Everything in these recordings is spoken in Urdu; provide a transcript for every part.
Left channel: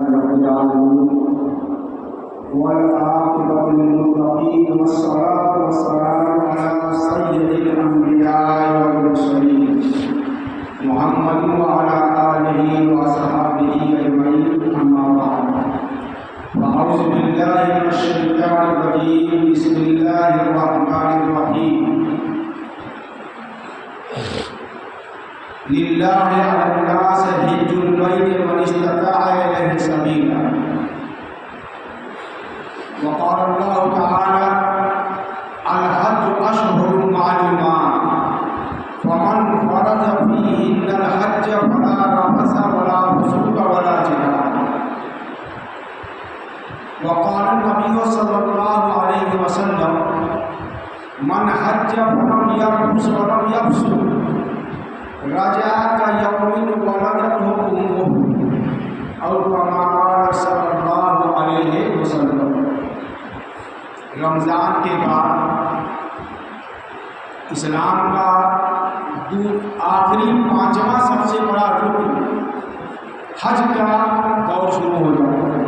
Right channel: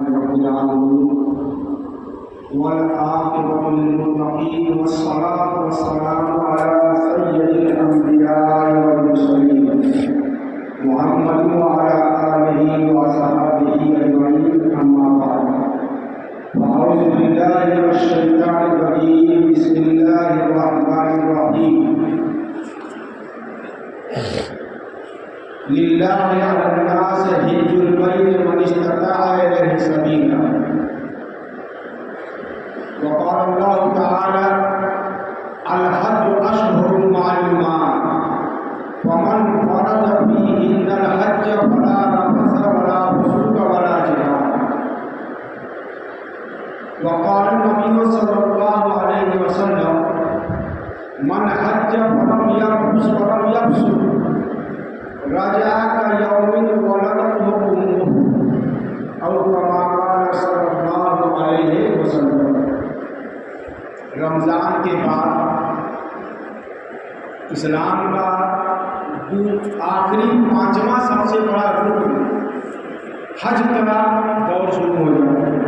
رب العالمين والعاقبة للمتقين والصلاة والسلام على سيد الأنبياء والمرسلين محمد وعلى آله وصحبه أجمعين أما بعد فأعوذ بالله من الشيطان الرجيم بسم الله الرحمن الرحيم لله على الناس حج البيت من استطاع إليه سبيلا وقال الله تعالى الحج أشهر معلومات فمن فرض فيهن الحج فلا رفث ولا فسوق ولا جدال وقال النبي صلى الله عليه وسلم من حج فلم يرفث ولم يفسق رجع كيوم ولدته أمه أو كما قال صلى الله عليه وسلم. رمضان کے بعد اسلام کا آخری پانچواں سب سے بڑا رکن حج کا دور شروع ہو جاتا ہے.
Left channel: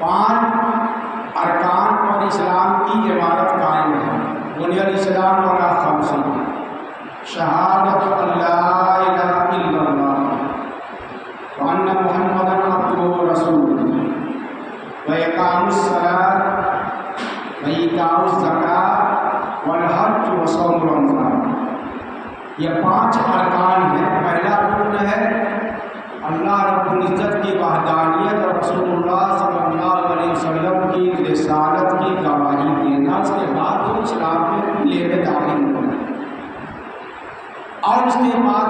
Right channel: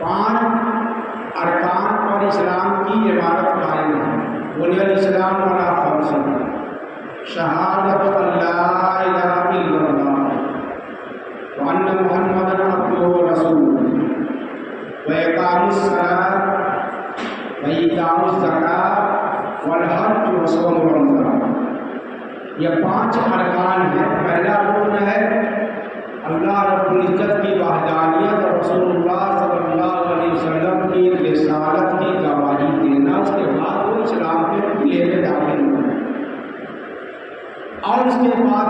5 ارکان پر اسلام کی عبادت قائم ہے. بنی الاسلام علی 5 شہادت لا الہ الا اللہ وان محمدا عبدہ ورسولہ وإقام الصلاة وإيتاء الزکاة والحج وصوم رمضان. یہ 5 ارکان ہیں. پہلا رکن ہے اللہ رب العزت کی وحدانیت اور رسول اللہ صلی اللہ علیہ وسلم کی رسالت کی گواہی دینا. اس کے بعد وہ اسلام کے لے کے داخل ہونا اور اس کے بعد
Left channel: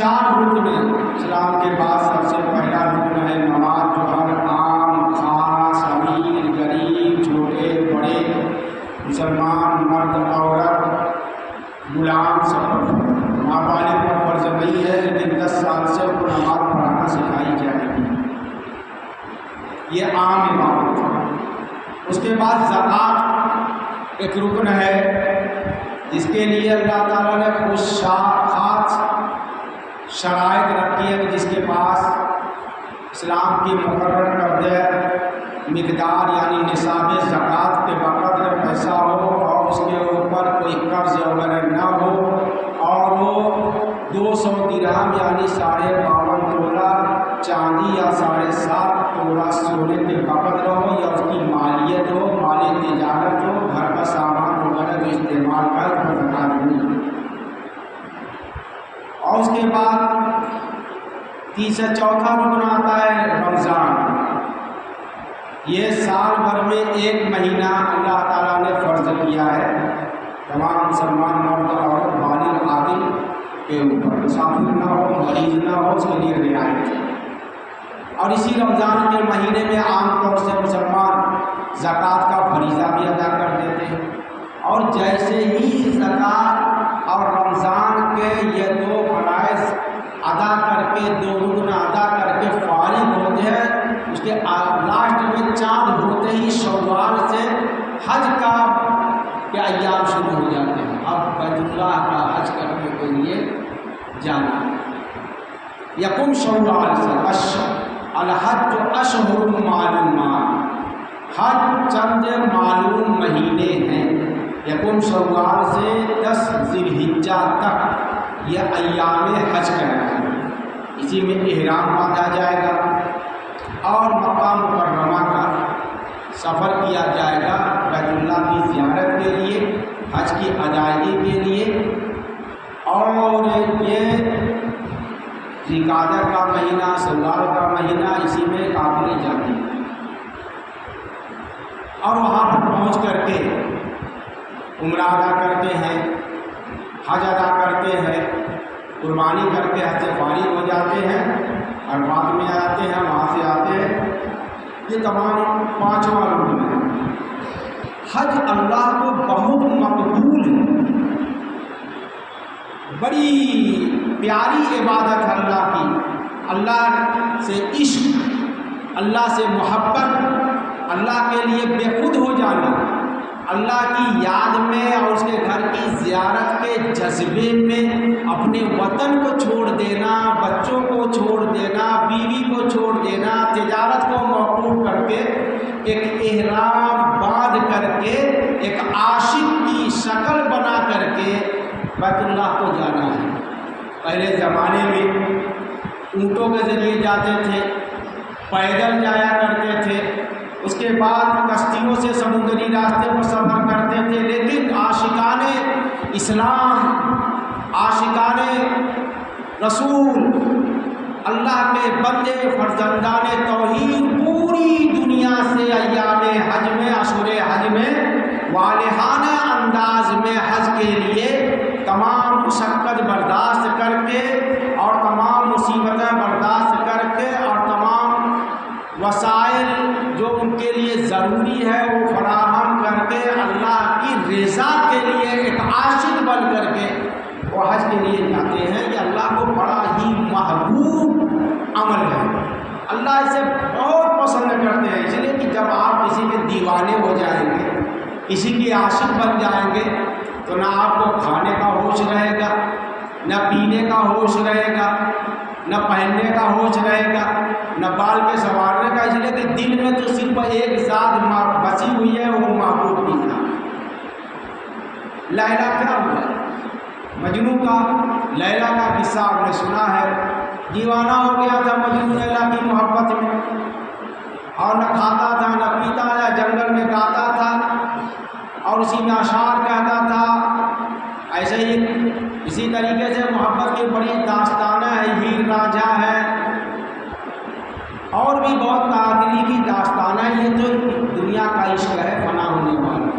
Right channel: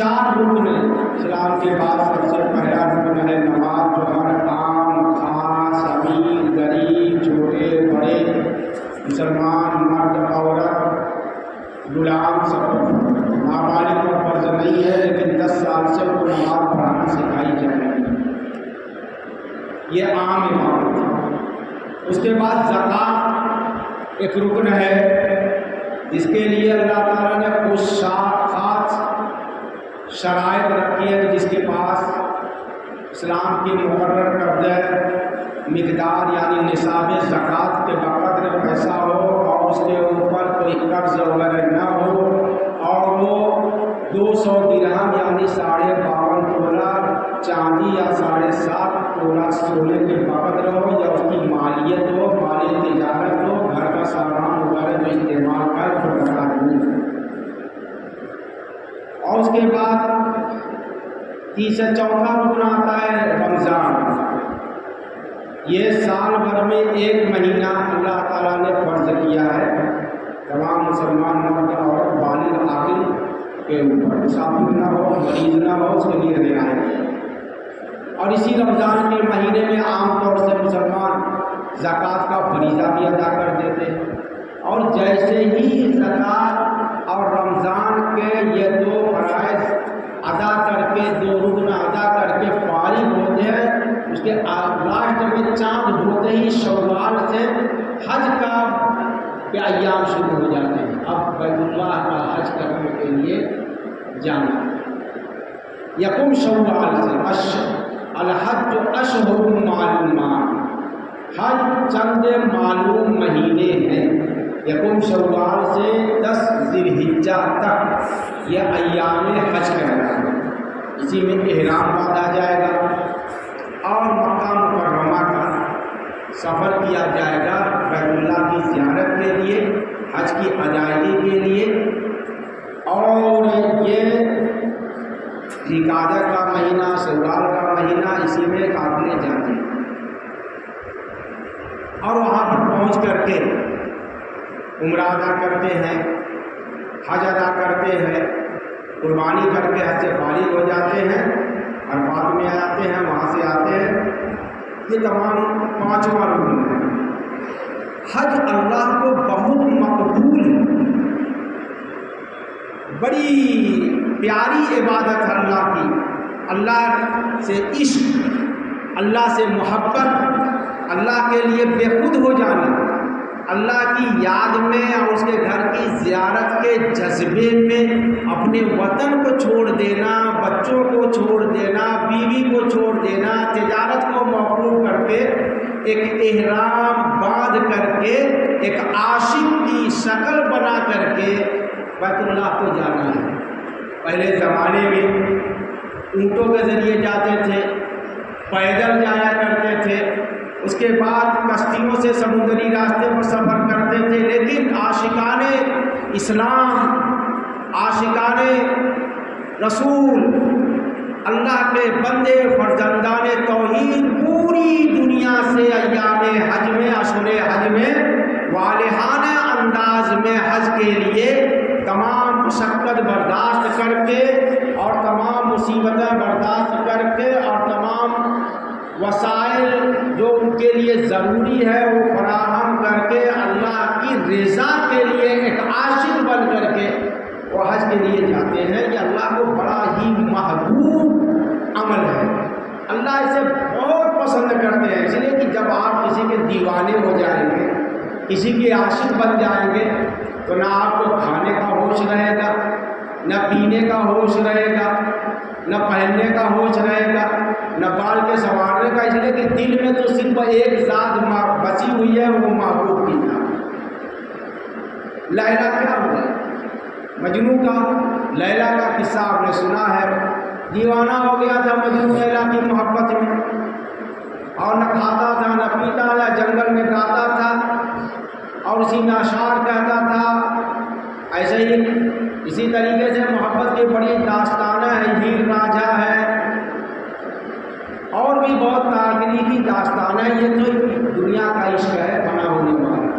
4 رکن ہیں. اسلام کے بعد سب سے پہلا رکن ہے نماز جو ہر عام خاص امیر غریب چھوٹے بڑے مسلمان مرد عورت غلام سب نابالغ پر فرض نہیں ہے لیکن 10 سال سے کو نماز پڑھانا سکھائی جائے گی. یہ عام عبادت ہے. اس کے بعد زکوٰۃ ایک رکن ہے جس کے لیے اللہ تعالیٰ نے خاص شرائط رکھی ہے. جس کے پاس اسلام کی مقرر کردہ مقدار یعنی نصاب زکوٰۃ کے بقدر پیسہ ہو اور اس کے اوپر کوئی قرض وغیرہ نہ ہو اور وہ 200 درہم یعنی 52.5 تولہ چاندی یا 7.5 تولہ سونے کے بقدر ہو یا اس کی مالیت ہو مال تجارت ہو گھر کا سامان وغیرہ جو استعمال کا برقرار نہیں. اور اس کے بعد چوتھا رکن آتا ہے رمضان. یہ سال بھر میں 1 مہینہ اللہ تعالیٰ نے فرض کیا ہے تمام مسلمان مرد اور بالغ عاقل کے اوپر. مسافر نہ ہو مریض نہ ہو اس کے لیے رعایت ہے. اور اسی رمضان کے مہینے میں عام طور سے مسلمان زکوٰۃ کا فریضہ بھی ادا کر دیتے ہیں. اور جیسے ہی زکوٰۃ اور رمضان کے یہ 2 فرائض ادا کر کے 2 رکن ادا کر کے فارغ ہوتے ہیں اس کے لاسٹ میں چاند ہوتے ہی شوال سے حج کا ایام شروع ہو جاتے ہیں. اب بیت اللہ کا حج کرنے کے لیے جانا. یکم شوال سے الحج اشہر معلومات. حج چند معلوم مہینے ہیں. یکم شوال سے 10 ذی الحجہ تک یہ ایام حج کہلاتے ہیں. اسی میں احرام باندھا جائے گا اور مکہ مکرمہ کا سفر کیا جائے گا بیت اللہ کی زیارت کے لیے حج کی ادائیگی کے لیے. اور یہ ذوالقعدہ کا مہینہ شوال کا مہینہ اسی میں قافلے جاتے ہیں اور وہاں پر پہنچ کر کے عمرہ ادا کرتے ہیں حج ادا کرتے ہیں قربانی کر کے حج سے فارغ ہو جاتے ہیں عرفات میں آتے ہیں وہاں سے آتے ہیں. یہ تمام 5واں رکن ہے. حج اللہ کو بہت مقبول ہے. بڑی پیاری عبادت ہے اللہ کی. اللہ سے عشق اللہ سے محبت اللہ کے لیے بے خود ہو جانا اللہ کی یاد میں اور اس کے گھر کی زیارت کے جذبے میں اپنے وطن کو چھوڑ دینا، بچوں کو چھوڑ دینا، بیوی کو چھوڑ دینا، تجارت کو موقوف کر کے ایک احرام باندھ کر کے ایک عاشق کی شکل بنا کر کے بیت اللہ کو جانا ہے۔ پہلے زمانے میں اونٹوں کے ذریعے جاتے تھے، پیدل جایا کرتے تھے، اس کے بعد کشتیوں سے سمندری راستے پر سفر کرتے تھے، لیکن عاشقان اسلام، عاشقان رسول، اللہ کے بندے فرزندان توحید پوری دنیا سے ایام حج میں، اشہر حج میں والہانہ انداز میں حج کے لیے تمام مشقت برداشت کر کے اور تمام مصیبتیں برداشت کر کے اور تمام وسائل جو ان کے لیے ضروری ہے وہ فراہم کر کے اللہ کی رضا کے لیے ایک عاشق بن کر کے وہ حج کے لیے جاتے ہیں۔ یہ اللہ کو بڑا ہی محبوب عمل ہے، اللہ اسے بہت پسند کرتے ہیں، اس لیے کہ جب آپ کسی کے دیوانے ہو جائیں گے، کسی کے عاشق بن جائیں گے تو نہ آپ کو کھانے کا ہوش رہے گا، نہ پینے کا ہوش رہے گا، نہ پہننے کا ہوش رہے گا، نہ بال کے سنوارنے کا، اس لیے کہ دل میں تو صرف ایک ذات بسی ہوئی ہے، وہ محبوب کی ذات۔ لیلا کیا ہوا؟ مجنوں کا، لیلا کا قصہ آپ نے سنا ہے، دیوانہ ہو گیا تھا مجنوں لیلا کی محبت میں، اور نہ کھاتا تھا نہ پیتا تھا، جنگل میں گاتا تھا اور اسی میں اشعار کہتا تھا۔ ایسے ہی اسی طریقے سے محبت کی بڑی داستانیں ہیں، ہیر راجا ہے اور بھی بہت تاریخی داستانیں، یہ تو دنیا کا عشق ہے فنا ہونے والا۔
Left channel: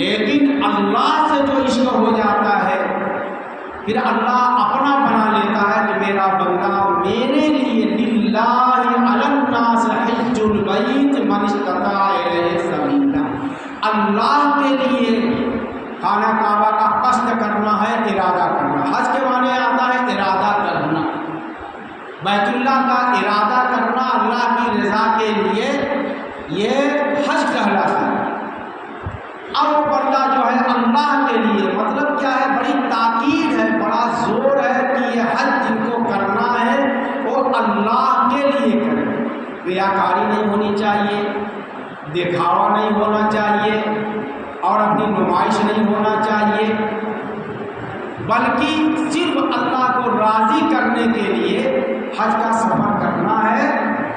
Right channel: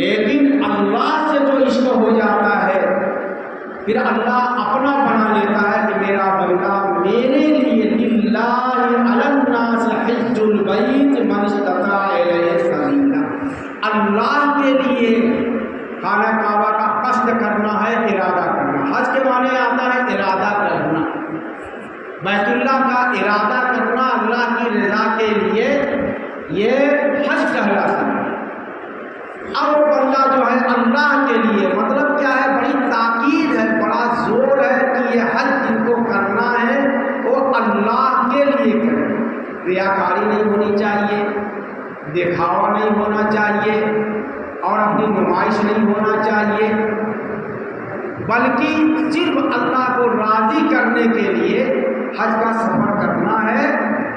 لیکن اللہ سے جو عشق ہو جاتا ہے پھر اللہ اپنا بنا لیتا ہے کہ میرا بندہ میرے لیے للہ علی الناس حج البیت من استطاع الیہ سبیلا، اللہ کے لیے خانہ کعبہ کا قصد کرنا ہے، ارادہ کرنا۔ حج کے معنی آتا ہے ارادہ کرنا، بیت اللہ کا ارادہ کرنا اللہ کی رضا کے لیے، یہ حج کہلاتا ہے۔ اب وہ بندہ جو ہے اللہ کے لیے، مطلب کیا ہے، بڑی تاکید ہے، بڑا زور ہے کہ یہ حج جن کو کرنا ہے وہ اللہ کے لیے کرے، ریاکاری نہیں ہونی چاہیے، دکھاوا نہیں ہونا چاہیے اور اپنی نمائش نہیں ہونا چاہیے، بلکہ صرف اللہ کو راضی کرنے کے لیے حج کا سفر کرنا ہے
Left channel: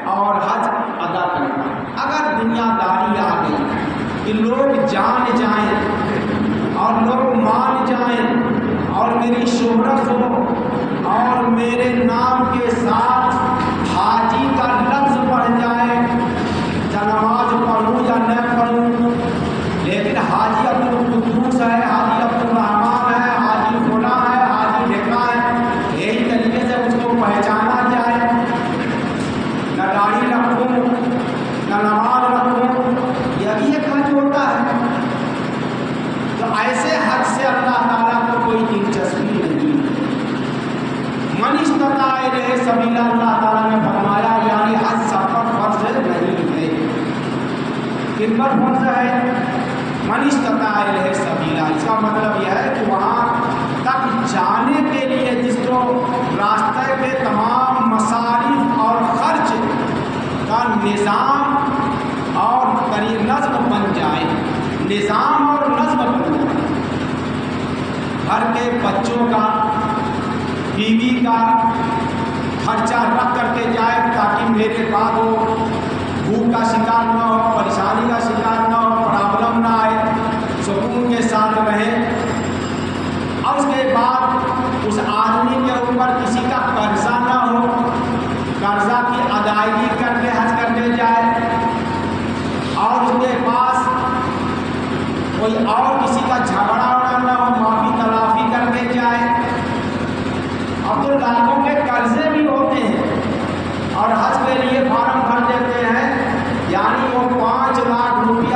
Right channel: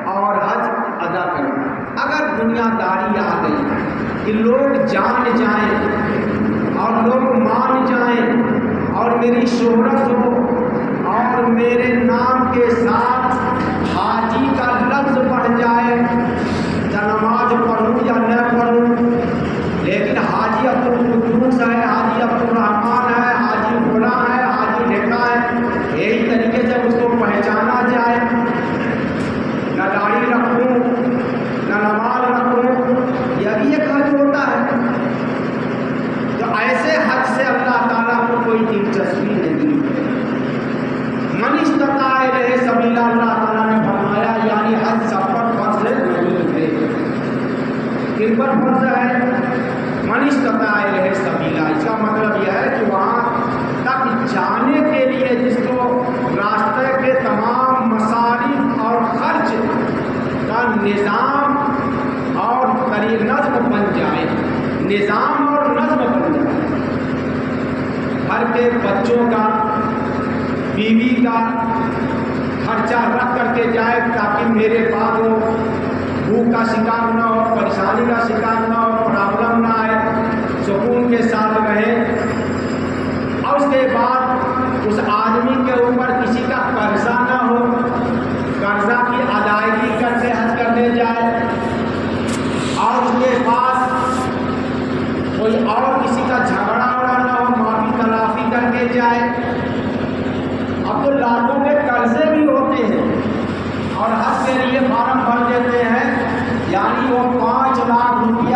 اور حج ادا کرنا ہے۔ اگر دنیا داری آ گئی کہ لوگ جان جائیں اور لوگ مان جائیں اور میری شہرت ہو اور میرے نام کے ساتھ حاجی کا لفظ بڑھ جائے، یا نماز پڑھوں یا نہ پڑھوں، لیکن حاجی عبدالقدوس ہے، حاجی عبدالرحمان ہے، حاجی فلاں ہے، حاجی ڈھکا ہے، یہی طریقے سے اس کو پہچانا جائے، نہ داڑھی رکھوں نہ نماز رکھوں، یہ بھی ایک حج ہوتا ہے۔ تو ایسے حج سے اللہ تعالیٰ کو کوئی دلچسپی نہیں ہے۔ من استطاع الیہ سبیلا، اللہ تعالیٰ نے فرمایا، یعنی حج سب پر فرض نہیں ہے۔ کن پر فرض ہے؟ من استطاع الیہ سبیلا، اس کا مطلب یہ ہے کہ وہاں تک جانے کے لیے جس کو راستے کے تمام مصارف اور خرچ کا نظام اور نظم بن جائے، نظام اور نظم بن جائے، گھر کے بچوں کا، بیوی کا خرچہ رکھ کر کے جائے تاکہ میرے بعد وہ بھوک کا شکار نہ ہو، پریشانی کا شکار نہ ہو، پرابلم نہ آئے، سکون کے ساتھ رہے۔ اور اس کے بعد اس آدمی کے اوپر کسی کا قرضہ نہ ہو، قرضہ کی ادائیگی کرنے حج کرنے جائے، اور اس کے پاس کوئی اور کسی کا جھگڑا وڑا نہ ہو، معافی تلافی کر کے جائے۔ اب تو لاکھوں کے قرضے بھی ہوتے ہیں اور حج کے لیے فارم بھر دیتے ہیں، یعنی وہ 5 لاکھ روپیہ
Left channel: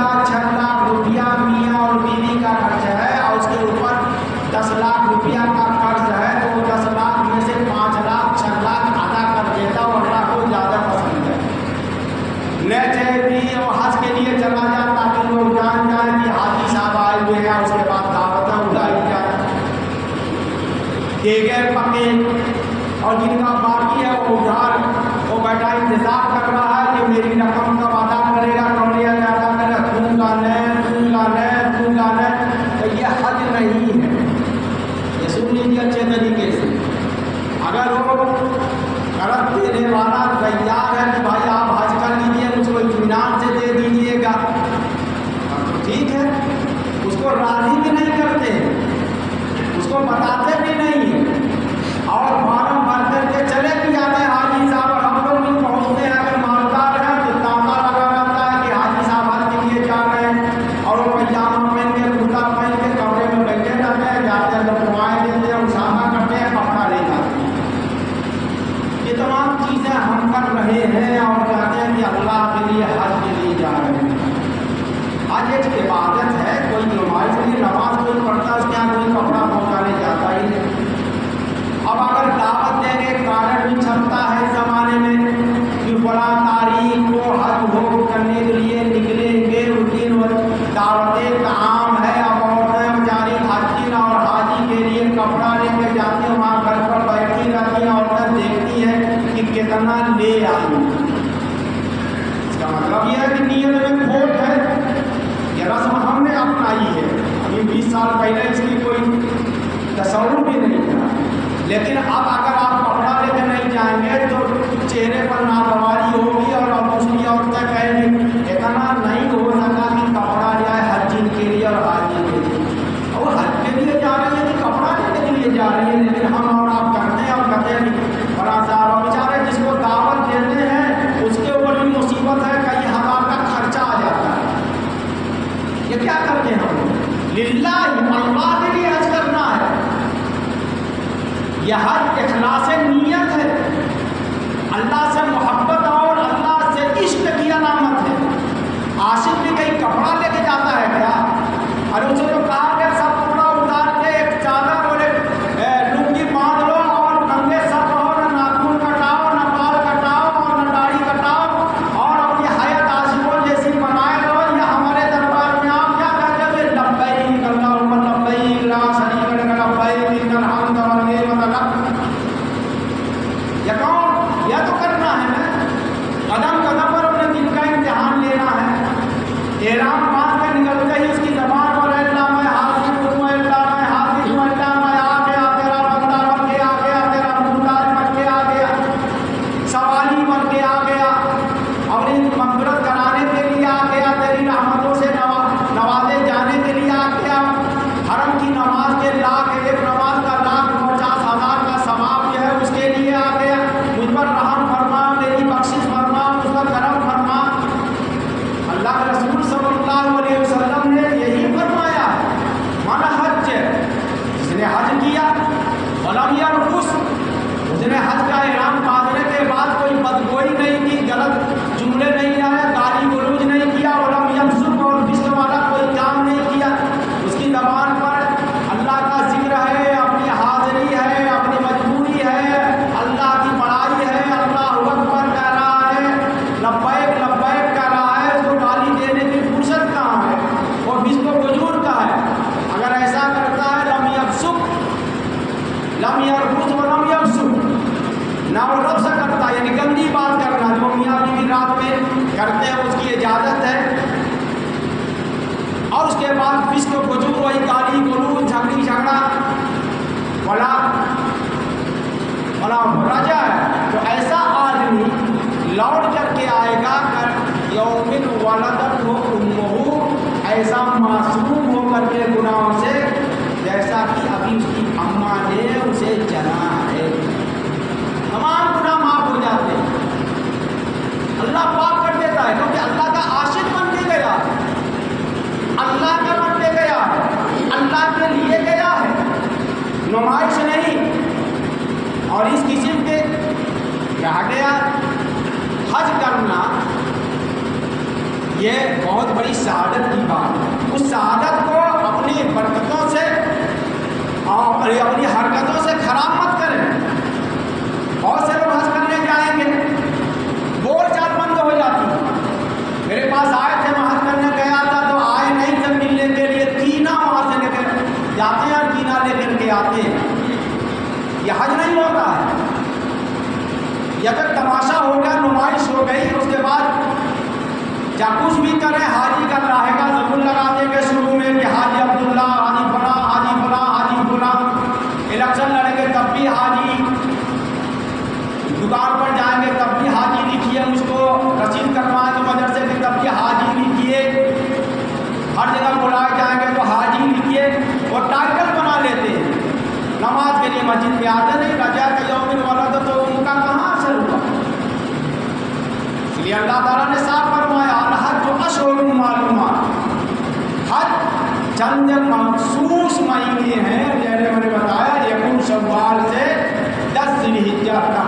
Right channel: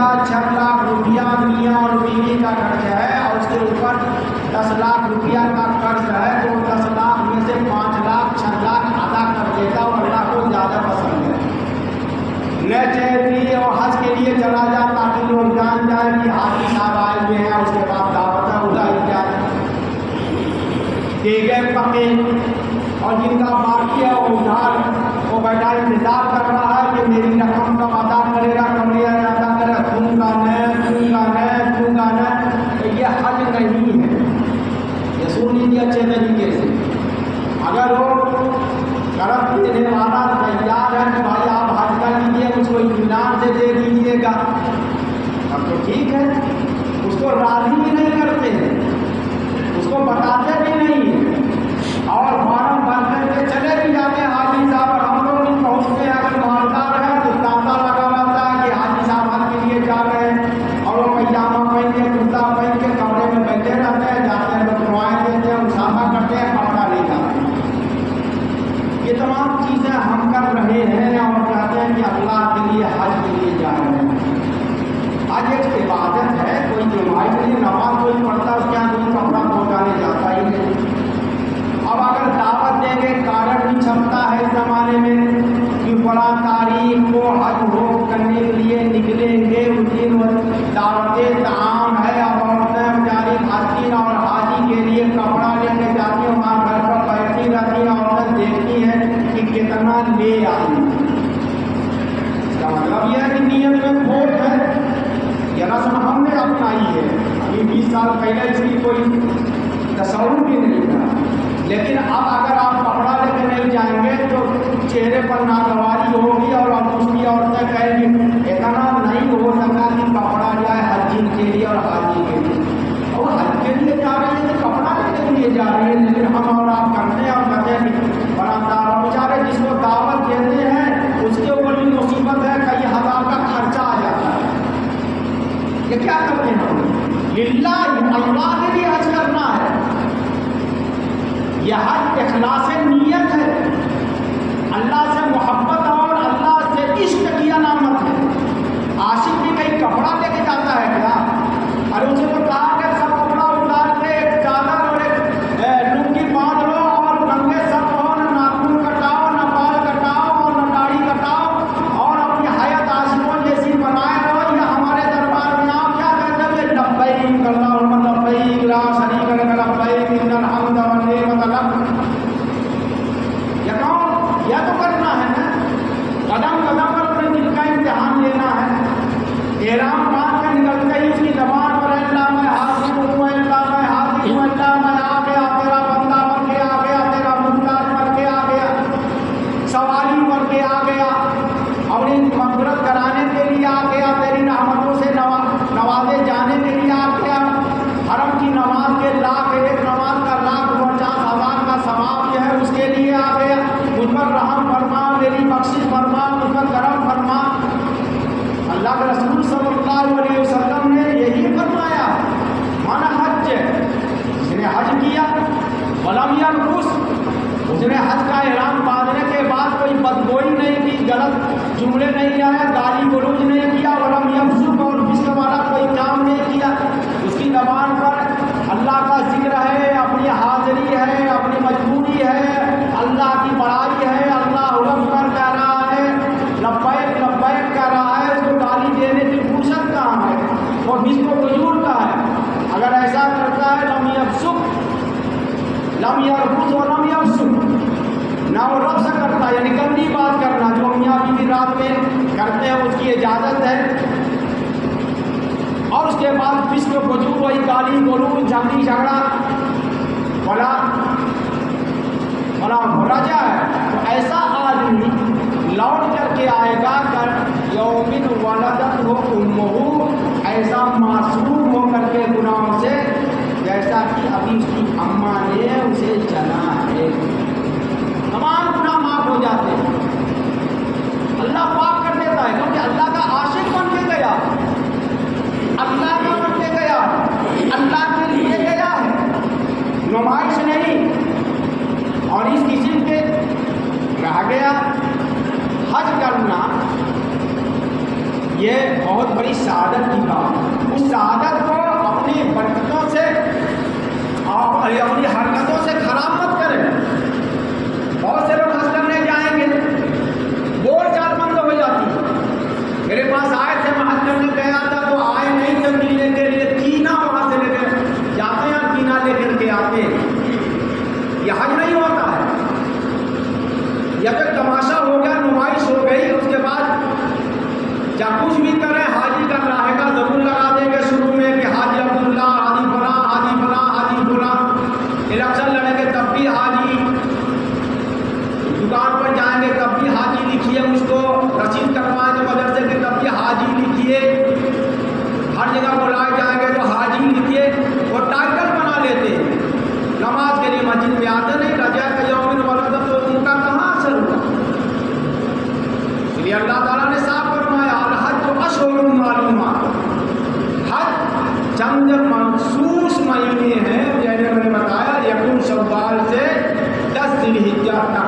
اب یہ ہے کہ نیت میں کھوٹ ہے، یہ رسم ہم نے اپنائی ہے، ابھی 20 سال پہلے اس کی کوئی تصور بھی نہیں تھا، لیکن اب اگر آپ کپڑا لے کے نہیں جائیں گے تو چہرے پر ناگواری ہوگی اور دوسری عورتیں کہیں گی اتنا نہیں ہو سکا کہ کپڑا جائے حجین کے لیے اور حاجی کے لیے، اور حج کے لیے جا رہی ہے کہ کپڑا کے لیے جا رہی ہے، لیکن ہم اور آپ کرتے ہیں اور کہتے ہیں کہ بڑا سارا بیچارے جس کو دعوت دیتے ہیں اس کے اوپر بھی مصیبت ہے، کئی ہزار کا خرچہ آ جاتا ہے، یہ کیا کرتے ہیں ہم للہ اللہ کے لیے حج کرنا ہے، یہ حج اخلاص نیت ہے، اللہ سے محبت اور اللہ سے عشق کی علامت ہے۔ عاشق بھی کہیں کپڑا لے کے جاتا ہے کیا؟ اور اسے تو کہا کہ سب کپڑا اتار کے ایک چادر اور ایک لنگی باندھ لو اور ننگے سر رہو، نہ ناخن کٹاؤ، نہ بال کٹاؤ اور نہ داڑھی کٹاؤ اور اپنی حیات عاشقوں جیسی بنائے رہو، یا ہمارے دربار میں آپ کیا کہتے ہیں لبیک اللہم لبیک لا شریک لک لبیک ان الحمد والنعمت لک، یا تو کرنا ہے نا، قدم قدم پر اپنے دل کا امتحان لینا ہے، احرام باندھ کر نکلتے ہی اس کی زبان پر اللہ میں حاضر ہوں، اللہ میں حاضر ہوں، اللہ میں آ گیا، تیرا بندہ بن کے آ گیا، تیرا محتاج بن کے آ گیا، سوالی بن کے آ گیا، اپنی مغفرت کرانے کے لیے آ گیا، تیری رحمتوں سے نوازے جانے کے لیے آ گیا، حرم کی نماز کے لاکھ ایک نماز کا 1,50,000 کا ثواب جو ہے اس کے لیے آ گیا، مجھ پر رحم فرما، میری بخشش فرما، مجھ پر کرم فرما۔ اللہ کے رسول صلی اللہ علیہ وسلم نے یہی فرمایا، من حج، جس نے حج کیا، ولم یرفث، اس نے حج کا احرام باندھنے کے بعد کوئی بدگوئی نہیں کی، غلط جملے نہیں آئے، گالی گلوچ نہیں کیا، ولم یفسق اور فسق والا کوئی کام نہیں کیا، اس کی زبان پر اللہ کا ذکر ہے، اپنی حاضری ہے، اپنی مجبوری ہے، اللہ کی بڑائی ہے، اللہ اکبر کہہ رہا ہے، لبیک لبیک کہہ رہا ہے، تو گالی دینے کی فرصت کہاں ہے، وہ فسق و فجور کا ہے، اگر ایسا کرتا ہے لم یفسق لم یرفث ولم یفسق، نہ وہ رفض کرتا یعنی گندی بات کرنا جو میاں بیوی رات میں کرتے ہیں اس کی اجازت ہے، اور اس کے بعد فسق و فجور وہی گالی گلوچ جھگڑی جھگڑا بڑا رجا ہے، تو ایسا آدمی لوٹ کر کے آئے گا کر یومن ولدت ہو امہ، ایسا معصوم ہو کر کے گناہوں سے جیسا کہ ابھی اس کی اماں نے اسے جنا ہے، تمام گناہ معاف ہو جاتے ہیں، اللہ پاک کر دیتا ہے، کیونکہ اللہ کا عاشق بن کے گیا، اللہ کا بن کے گیا، اللہ کے لیے گیا ہے، نمائش نہیں، اور اس قسم کے رہ گیا حج کرنا یہ بہت بڑی سعادت کی بات ہے، اس سعادت کو اپنی برکتوں سے اور اپنی حرکتوں سے خراب مت کریں۔ بہت سے لوگ حج کرنے جائیں گے، بول چال بند ہو جاتی ہے، میرے پاس آئے تھے، میں حج کرنے گیا تھا تو آئے نہیں تھے ملنے کے لیے، کینا وہاں سے لے کر جاتے ہیں اور کینا لے کر کے آتے ہیں، یہ حج نہیں ہوتا ہے، یہ اگر تماشا ہو گیا، نمائش ہو گئی، اس کے بعد کیا کچھ بھی کریں، حاجی کا رہے گا ضرور لگا دیں گے شروع میں کہ حاجی عبداللہ، حاجی فلاں، حاجی فلاں، حاجی فلاں، الیکشن لڑیں گے تب بھی حاجی، دکان پر جائیں گے تب بھی حاجی لکھیے، مجھ کو رسید کٹوائے تو مدرسے کی تب بھی حاجی لکھیے، ہر جگہ بلائے جائیں گے تو حاجی لکھیے، وہ ٹائٹل بنا لیتے ہیں، نماز کے لیے مسجد میں آتے نہیں، رجا کے یوم ولدت تو ان کا کہاں اثر ہوا، اس لیے اللہ تعالیٰ نے صاف فرمایا الحج اشہر معلومات، حج چند مخصوص مہینے ہیں، جیسے میں نے بتایا یکم شوال سے 10 ذی الحجہ تک،